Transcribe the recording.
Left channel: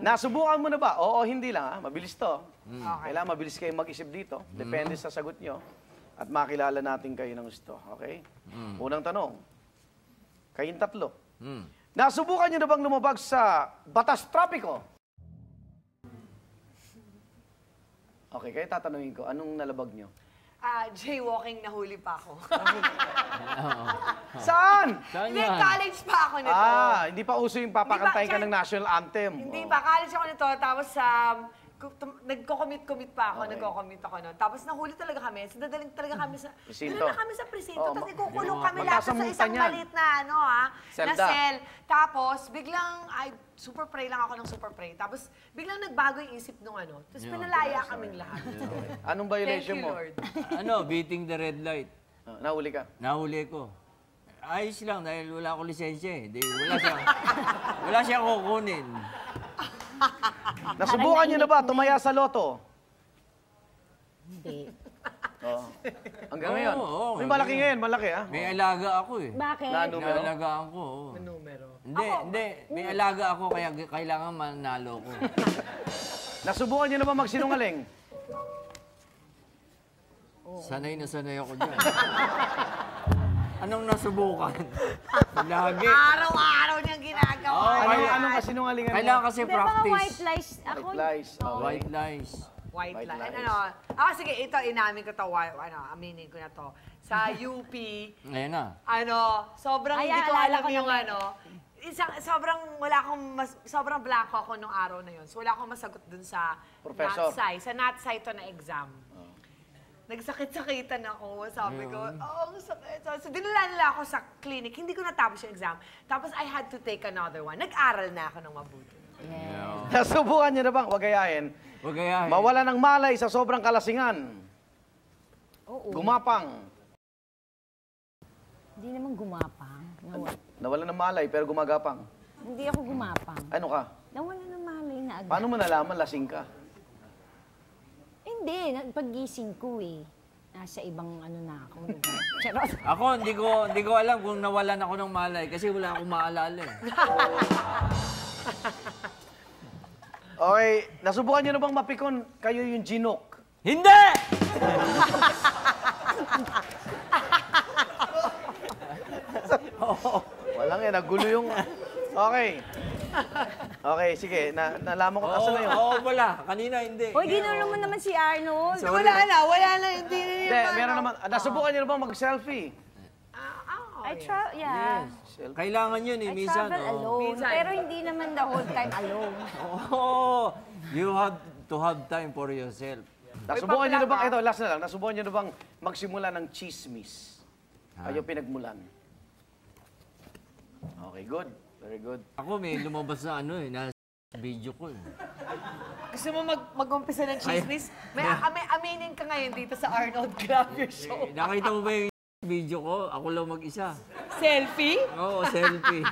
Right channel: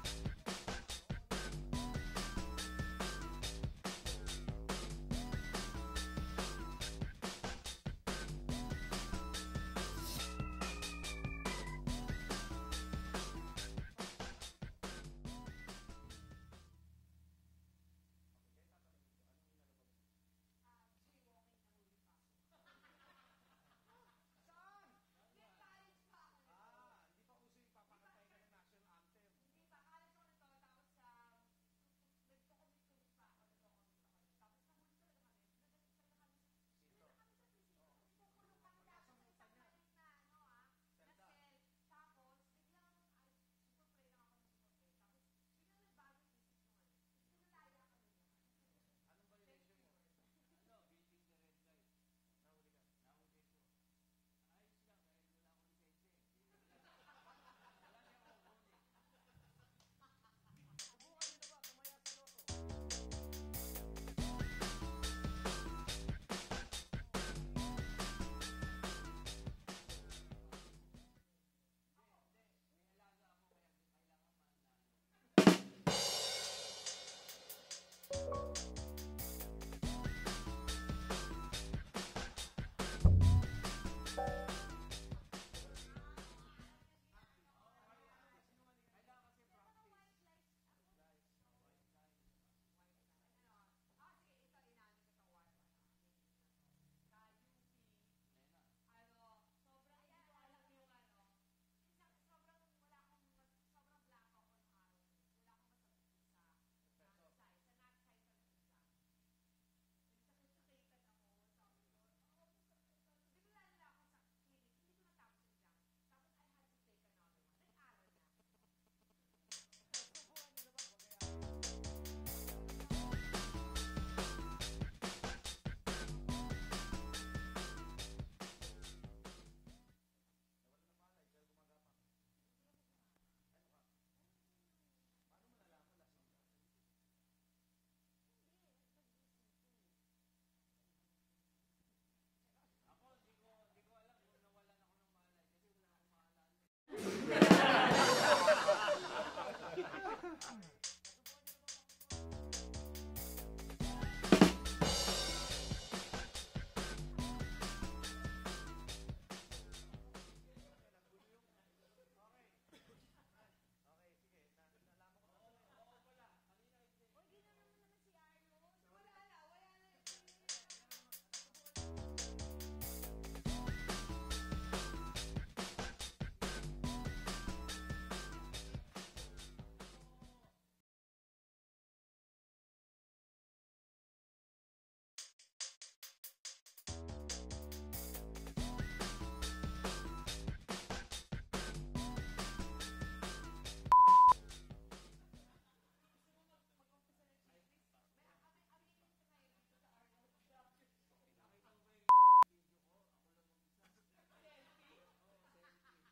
Nasubukan mo na ba? Oo, hindi lang ha. Mabilis to. Kailangan mabilis kayo mag-isip dito. Depende sa sagot nyo. At makilala natin kayo ng gusto. Okay? Unang tanong. Kayong tatlo. Nasubukan nyo na bang lumabag sa batas trapiko? Okay, kaya tatanungin ko, anong nalabag nyo? Jaywalking, nahuli pa ako. Saan? Hindi, college pa ako nito. Hindi pa uso yung papakantayin ka ng national anthem. Hindi pa, college ako nito. Tapos, nagko-commit pa ako, nagko-commit ako nun. Tapos nahuli talaga kami. So, dadaling talaga kami sa... Presinto. Dala na kami sa presinto. Tapos ikukulong kami lahat sa isang yan. maliit na, na cell. Tapos, biglang, super pray lang ako ng super pray. Tapos, biglang nagbago yung isip nung Tapos, pinalaya kaming lahat. Anong violation mo? Thank you, Lord. Beating the red light. Nahuli ka? Nahuli ko. Ayos lang dahil wala akong lisensya eh. Wala siyang kukunin. Nasubukan nyo na ba tumaya sa loto? Hindi. Hanggang ngayon? Oo. May malaki ngayon, malaki ha? May alaga ako eh. Bakit? Numero? Naalagaan ko. Numero. Hindi. May alaga ako kaya kailangan manalo ko. Nasubukan nyo na ba magsinungaling? Sanay na sanay ako dyan. Anong nasubukan? Lagi. Araw-araw niyang ginagawa. Anong kasinungalingan mo? Kailangan kasi May mga practice. white lies. Ako, White lies. Okay. White lies. White White line. lies. Sige, ito, inamin ko to. Aminin ko na to. Sa UP, Ngayon na. sobrang Ay, hindi ko alala alam ko yung naman. sobrang blanco ako nung araw na yun. So, wala akong masagot dun sa Professor. NATSAI. Sa NATSAI to na exam. Nagsakit-sakitan ako. Sabi ko, ang sakit. So, dinala nila ako sa clinic. Hindi ko natapos yung exam. Tapos, I had to take another one. Nag-aral na ako ng mabuti. Nasubukan nyo na bang wagayain? Huwag kaya. Mawala ng malay sa sobrang kalasingan. Gumapang. hindi naman gumapang. Nawala ng malay pero gumagapang. Hindi ako gumapang. Ano ka? Nawala ng malay na agad. Paano mo nalaman lasing ka? Hindi, paggising ko eh. Nasa ibang na ako. Charot. Ako, hindi ko alam kung nawalan ako ng malay kasi wala akong maalala eh. Okay, nasubukan nyo na bang mapikon kayo yung ginok? Hindi! Walang yan, nagulo yung... Okay. Okay, sige. Nalaman ko asan na yun. Oo, wala. Kanina hindi. Hoy, ginulo mo naman si Arnold. Wala na. Hindi Hindi, meron naman. Nasubukan nyo na bang mag-selfie? I travel, yeah. Kailangan yun eh, I minsan. travel alone. Pero hindi naman the whole time alone. Oh, you have to have time for yourself. Nasubukan nyo na bang, ito, last na lang, nasubukan nyo na bang magsimula ng chismis? Ayaw pinagmulan. Okay, good. Very good. Ako may lumabas na na video ko eh. Gusto mo mag-umpisa ng chismis? May aminin ka ngayon dito sa Arnold Grab Your Show. Nakita mo ba yung video ko? Ako lang mag-isa. Selfie? Oo, selfie.